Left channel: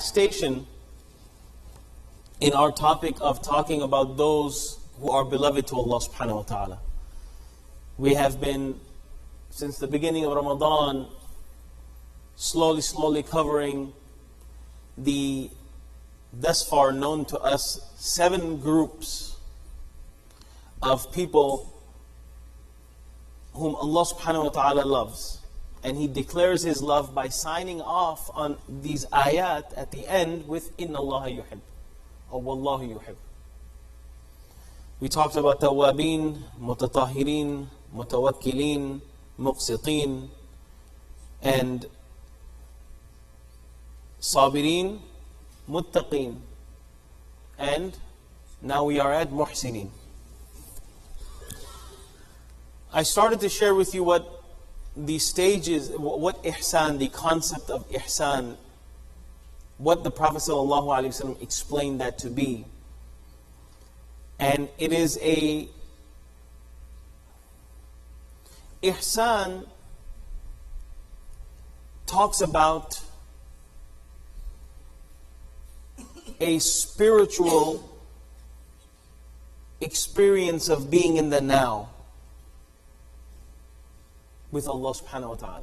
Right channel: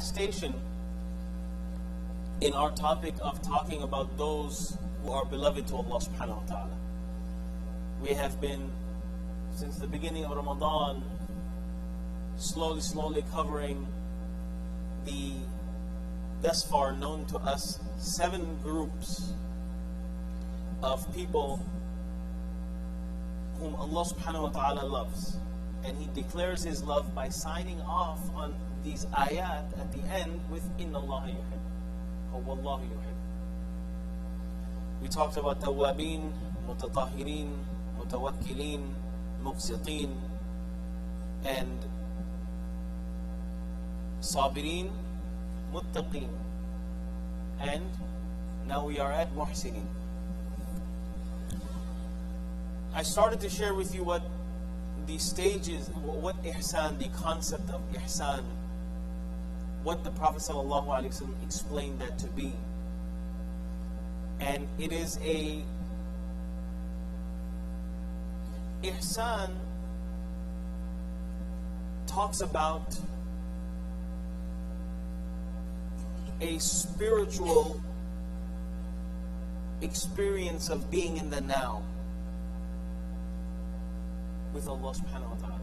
Station in our topic of talking about those who are beloved to Allah subhanahu wa ta'ala. We have been, since the beginning of Ramadan, slowly covering the thus far known to us 7 groups of people whom Allah subhanahu wa ta'ala loves. And He declares His love by signing off on these ayat at the end with Inna Allah yuhib, or Wallahu yuhib. We talked about Tawabin, Mutatahirin, Mutawakkilin, Muqsitin, and Sabirin, Muttaqin, and now we are at Muhsinin. I started to share with you what the stages, what ihsan, the concept of ihsan, what the Prophet ﷺ explained that to be. And it is ihsan talks about a spiritual experience of being in the now with Allah subhanahu wa ta'ala.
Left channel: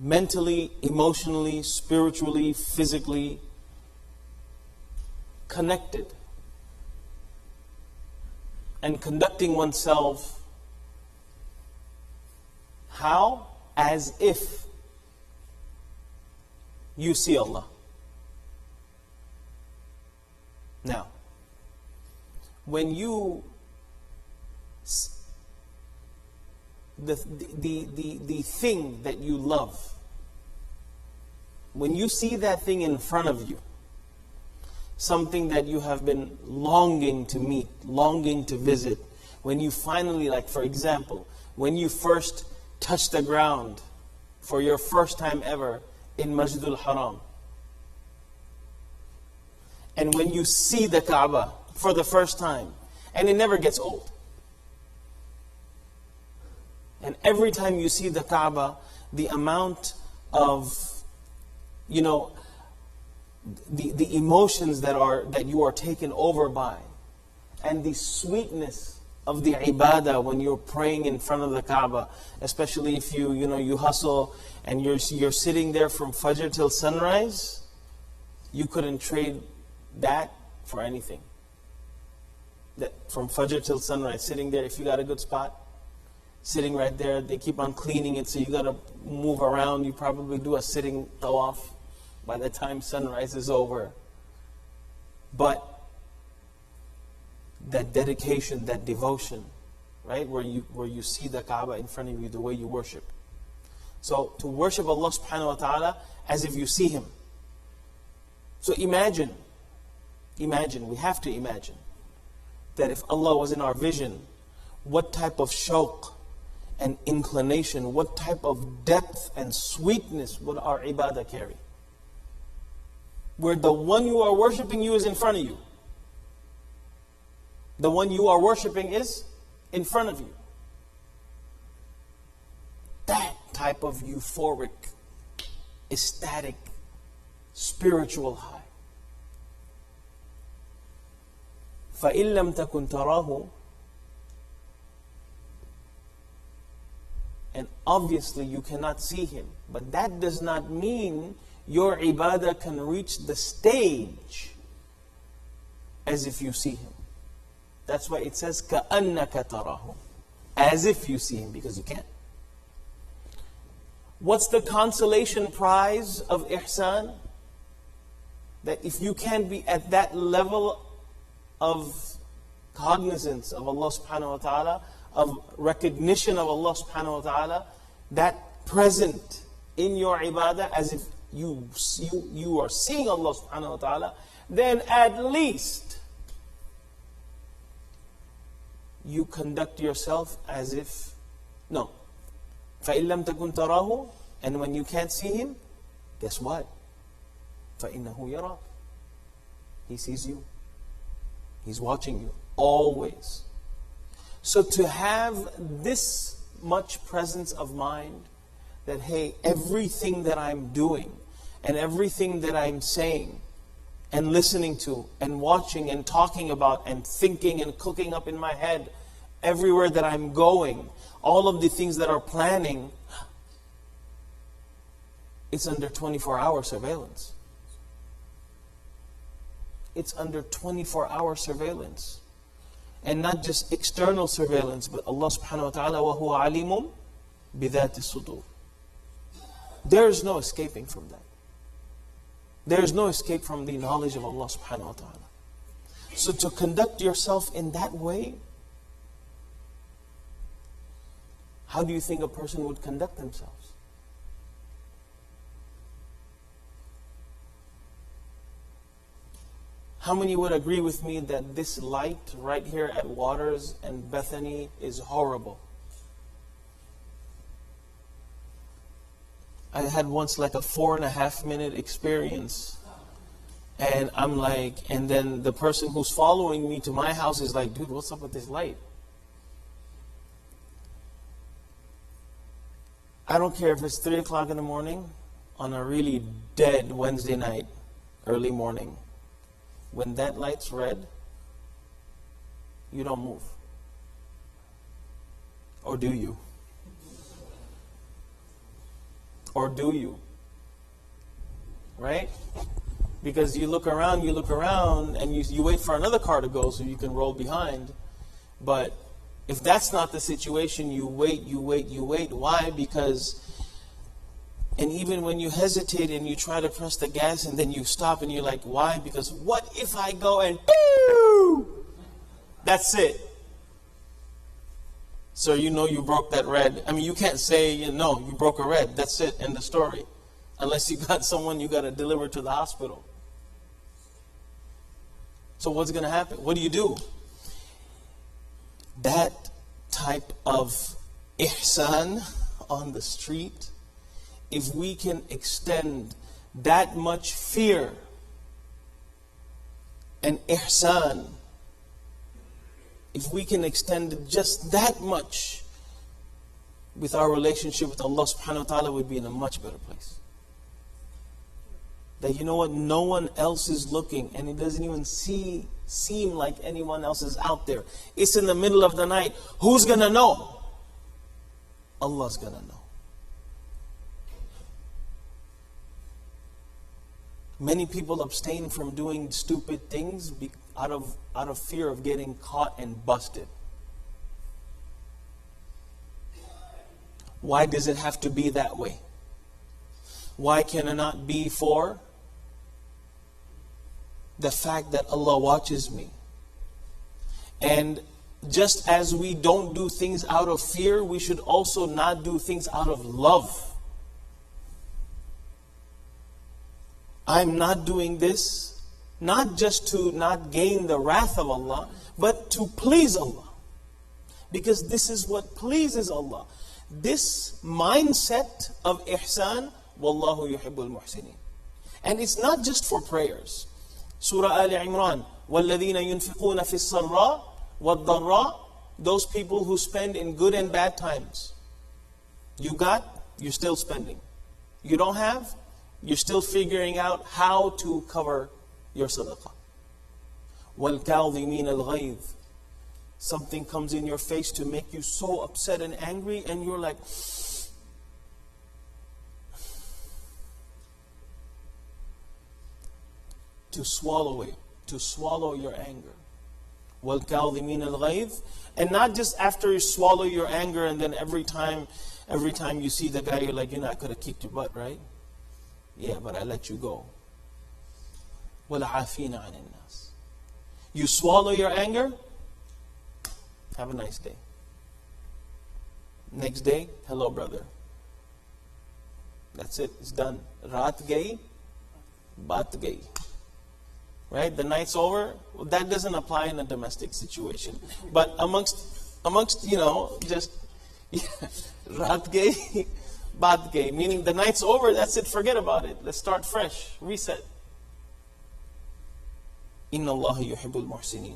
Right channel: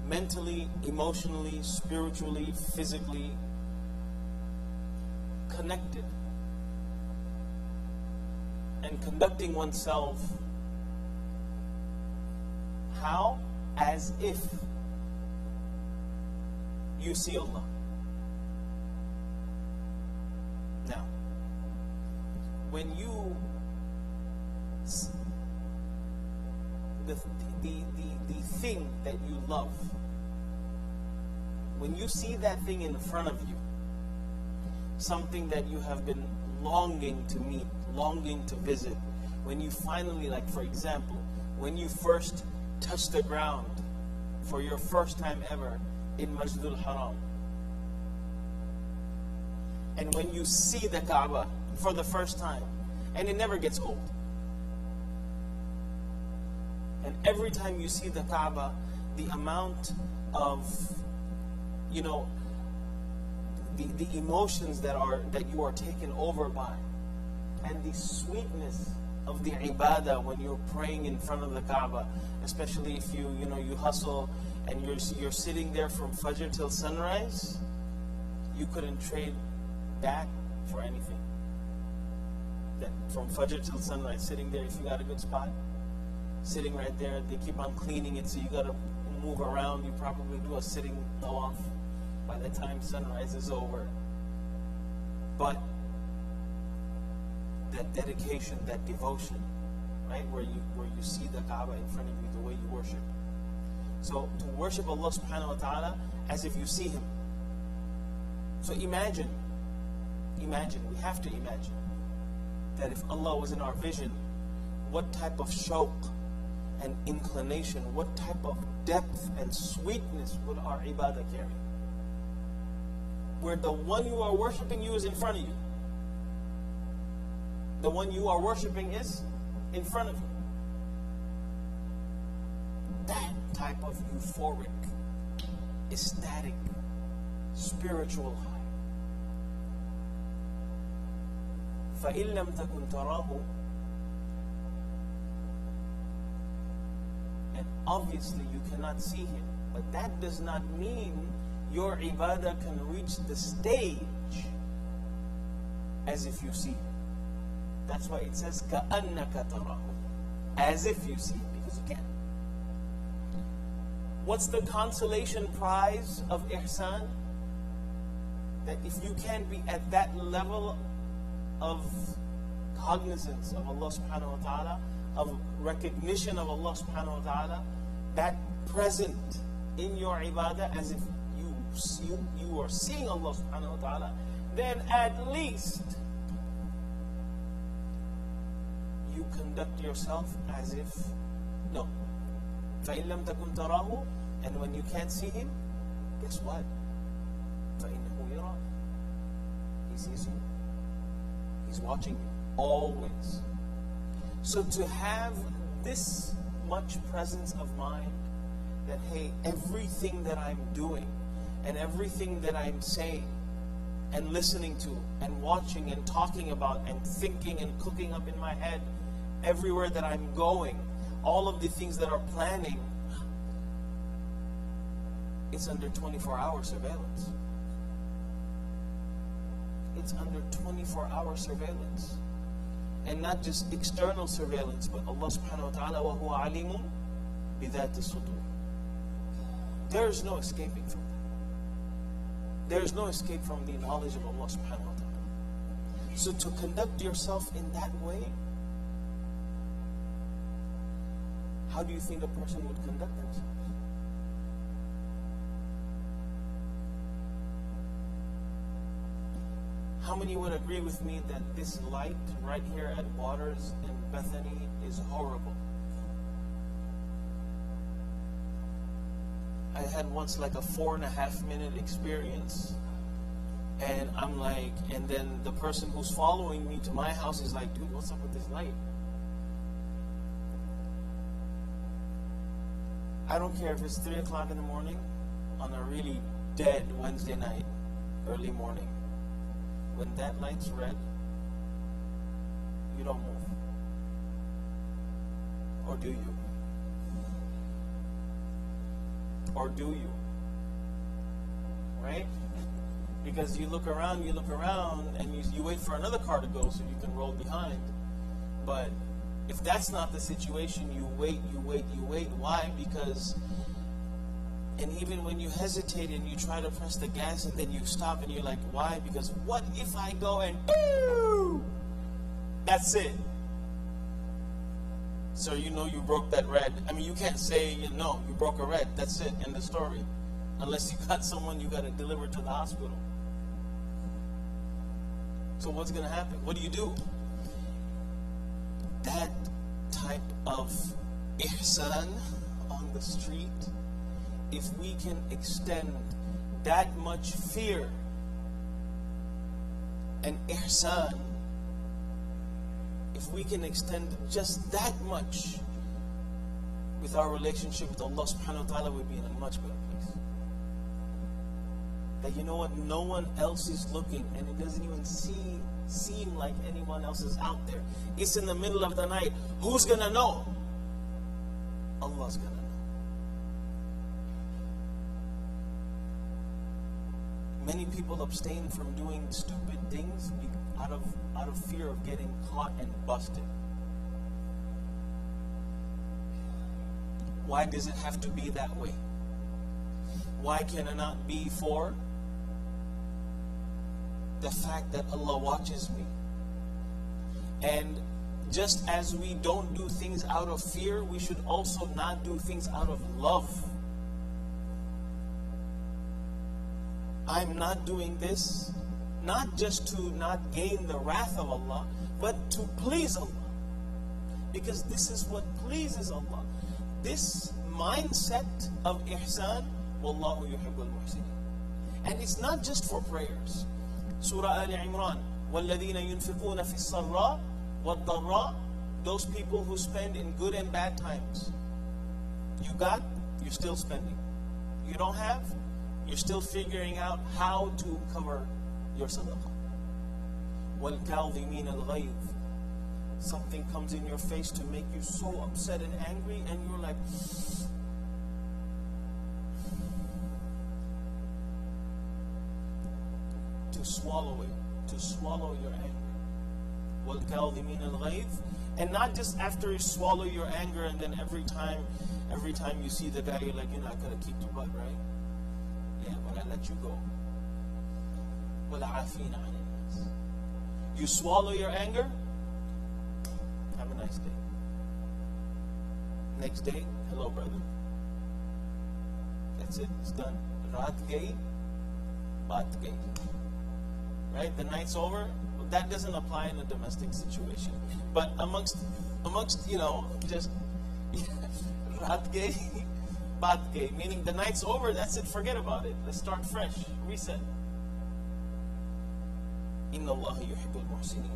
Mentally, emotionally, spiritually, physically connected. And conducting oneself how? As if you see Allah. Now, when you the thing that you love, when you see that thing in front of you, something that you have been longing to meet, longing to visit, when you finally, like for example, when you first touch the ground for your first time ever in Masjidul Haram, and when you see the Kaaba for the first time, and it never gets old. And every time you see the Kaaba, the amount of, the emotions that you are taken over by, and the sweetness of the ibadah when you're praying in front of the Kaaba, especially if you hustle and you're sitting there from Fajr till sunrise, you couldn't trade that for anything. That from Fajr till sunrise, sitting there, if you got a good spot, sitting right there, they keep on cleaning it, so you got to move around. You probably do a sitting tawaf by the time sunrise is over. But that dedication, that devotion, right, where you see the Kaaba in front of you, the way you worship. So to worship Allah subhanahu wa ta'ala as if you see Him. So imagine, we have to imagine that if Allah was in our vision, what type of shawq and inclination, what type of depth and sweetness would our ibadah carry? Where the one you are worshipping you is in front of you. The one you are worshipping is in front of you. That type of euphoric, ecstatic, spiritual high. فَإِن لَمْ تَكُنْ تَرَاهُ. And obviously you cannot see Him. But that does not mean your ibadah can reach the stage as if you see Him. That's why it says كَأَنَّكَ تَرَاهُ, as if you see Him, because you can't. What's the consolation prize of ihsan? That if you can't be at that level of cognizance of Allah subhanahu wa ta'ala, of recognition of Allah subhanahu wa ta'ala, that present in your ibadah as if you are seeing Allah subhanahu wa ta'ala, then at least you conduct yourself as if, no. فَإِن لَمْ تَكُنْ تَرَاهُ. And when you can't see Him, guess what? فَإِنَّهُ يَرَاكَ. He sees you. He's watching you, always. So to have this much presence of mind, that hey, everything that I'm doing, and everything that I'm saying and listening to and watching and talking about and thinking and cooking up in my head, everywhere that I'm going, all of the things that are planning, it's under 24-hour surveillance. It's under 24-hour surveillance. And not just external surveillance, but Allah subhanahu wa ta'ala, وَهُوَ عَلِيمٌ بِذَاتِ الصُّدُورِ. There is no escaping from that. There is no escape from the knowledge of Allah subhanahu wa ta'ala. So to conduct yourself in that way, how do you think a person would conduct themselves? How many would agree with me that this light right here at Waters and Bethany is horrible? I had once like a 4.5-minute experience, and I'm like, and then the person who's following me to my house is like, dude, what's up with this light? I don't care if it's 3 o'clock in the morning on a really dead Wednesday night, early morning. When that light's red, you don't move. Or do you? Or do you? Right? Because you look around, and you wait for another car to go so you can roll behind. But if that's not the situation, you wait. Why? Because, and even when you hesitate and you try to press the gas and then you stop and you're like, why? Because what if I go and boo? That's it. So you know you broke that red. I mean, you can't say, you broke a red. That's it, end of story. Unless you got someone you got to deliver to the hospital. So what's going to happen? What do you do? That type of ihsan on the street, if we can extend that much fear and ihsan, if we can extend just that much with our relationship with Allah subhanahu wa ta'ala, we'd be in a much better place. That you know what, no one else is looking, and it doesn't even seem like anyone else is out there. It's in the middle of the night. Who's gonna know? Allah's gonna know. Many people abstain from doing stupid things out of fear of getting caught and busted. Why does it have to be that way? Why can it not be for the fact that Allah watches me? And just as we don't do things out of fear, we should also not do things out of love. I'm not doing this, not just to not gain the wrath of Allah, but to please Allah. Because this is what pleases Allah. This mindset of ihsan, Wallahu yuhibbul muhsinin. And it's not just for prayers. Surah Ali Imran, وَالَّذِينَ يُنْفِقُونَ فِي السَّرَّاءِ وَالضَّرَّاءِ, those people who spend in good and bad times. You got, you're still spending. You don't have, you're still figuring out how to cover your sadaqah. وَالْكَاظِمِينَ الْغَيْظِ, something comes in your face to make you so upset and angry, and you're like, to swallow it, to swallow your anger. وَالْكَاظِمِينَ الْغَيْظِ, and not just after you swallow your anger and then every time you see the guy, you're like, I could have kicked your butt, right? Yeah, but I let you go. وَالْعَافِينَ عَنِ النَّاسِ, you swallow your anger, have a nice day. Next day, hello brother. That's it, it's done. Raat gayi, baat gayi. Right? The night's over. Well, that doesn't apply in a domestic situation. But amongst just raat gayi, baat gayi, meaning the night's over, that's it, forget about it. Let's start fresh, reset. Inna Allah yuhibbul muhsinin.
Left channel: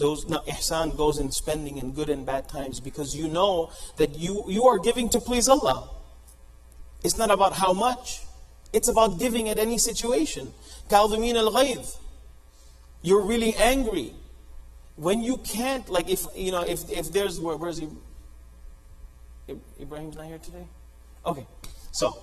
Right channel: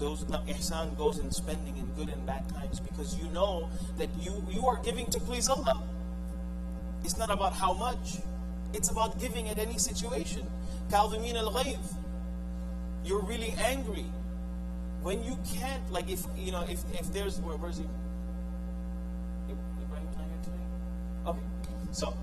Now ihsan goes in spending in good and bad times, because you know that you are giving to please Allah. It's not about how much. It's about giving at any situation. كَاظِمِينَ الْغَيْظِ. You're really angry. When you can't, like if there's, where's he? Ibrahim's not here today? Okay, so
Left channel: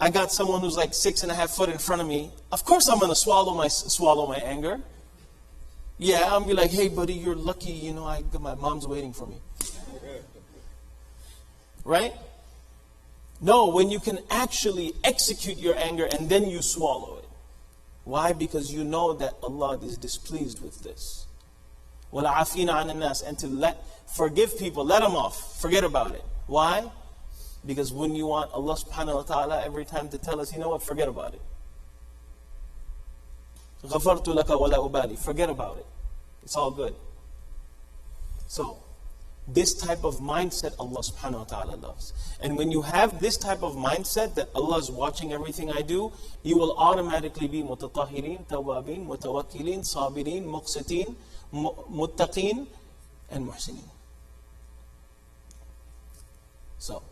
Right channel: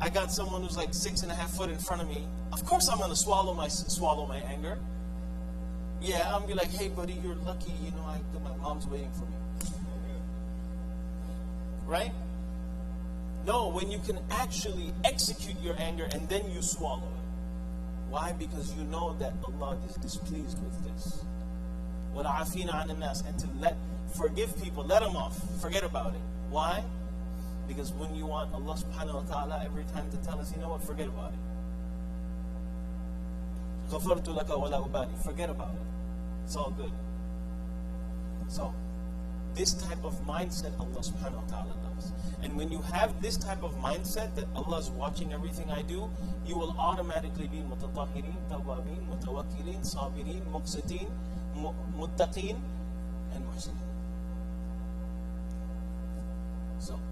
I got someone who's like 6.5 foot in front of me. Of course I'm going to swallow my anger. Yeah, I'm be like, hey buddy, you're lucky, my mom's waiting for me. Right? No, when you can actually execute your anger and then you swallow it. Why? Because you know that Allah is displeased with this. وَالْعَافِينَ عَنِ النَّاسِ. And to forgive people, let them off, forget about it. Why? Because when you want Allah subhanahu wa ta'ala every time to tell us, you know what, forget about it. غَفَرْتُ لَكَ وَلَا أُبَالِي. Forget about it. It's all good. So, this type of mindset Allah subhanahu wa ta'ala loves. And when you have this type of mindset that Allah is watching everything I do, you will automatically be mutatahhirin, tawabin, mutawakkilin, sabirin, muqsitin, muttaqin, and muhsinin. So,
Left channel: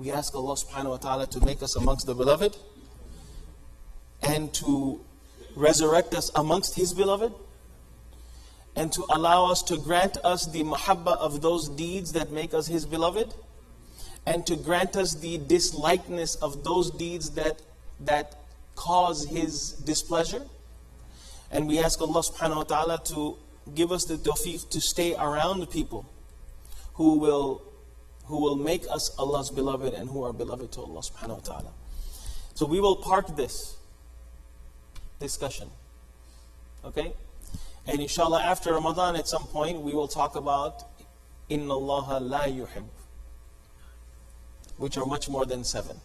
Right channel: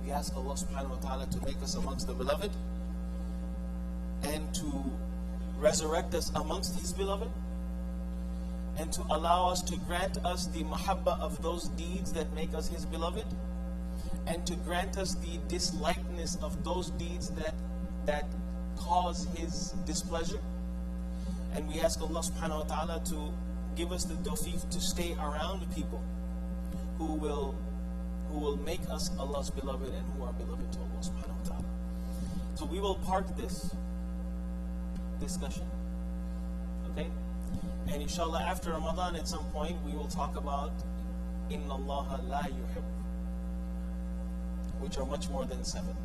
we ask Allah subhanahu wa ta'ala to make us amongst the beloved and to resurrect us amongst His beloved, and to allow us to grant us the mahabbah of those deeds that make us His beloved, and to grant us the dislikeness of those deeds that cause His displeasure. And we ask Allah subhanahu wa ta'ala to give us the tawfiq to stay around people who will make us Allah's beloved and who are beloved to Allah subhanahu wa ta'ala. So we will park this discussion. Okay? And inshallah after Ramadan at some point we will talk about Inna Allah la yuhib, which are much more than 7.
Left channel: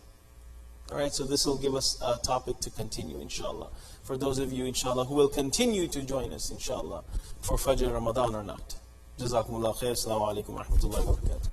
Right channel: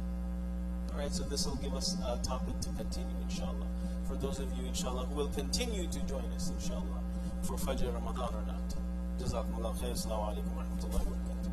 Alright, so this will give us a topic to continue inshallah. For those of you inshallah who will continue to join us inshallah for Fajr Ramadan or not. Jazakumullah khair. Assalamu alaikum wa rahmatullahi wa barakatuh.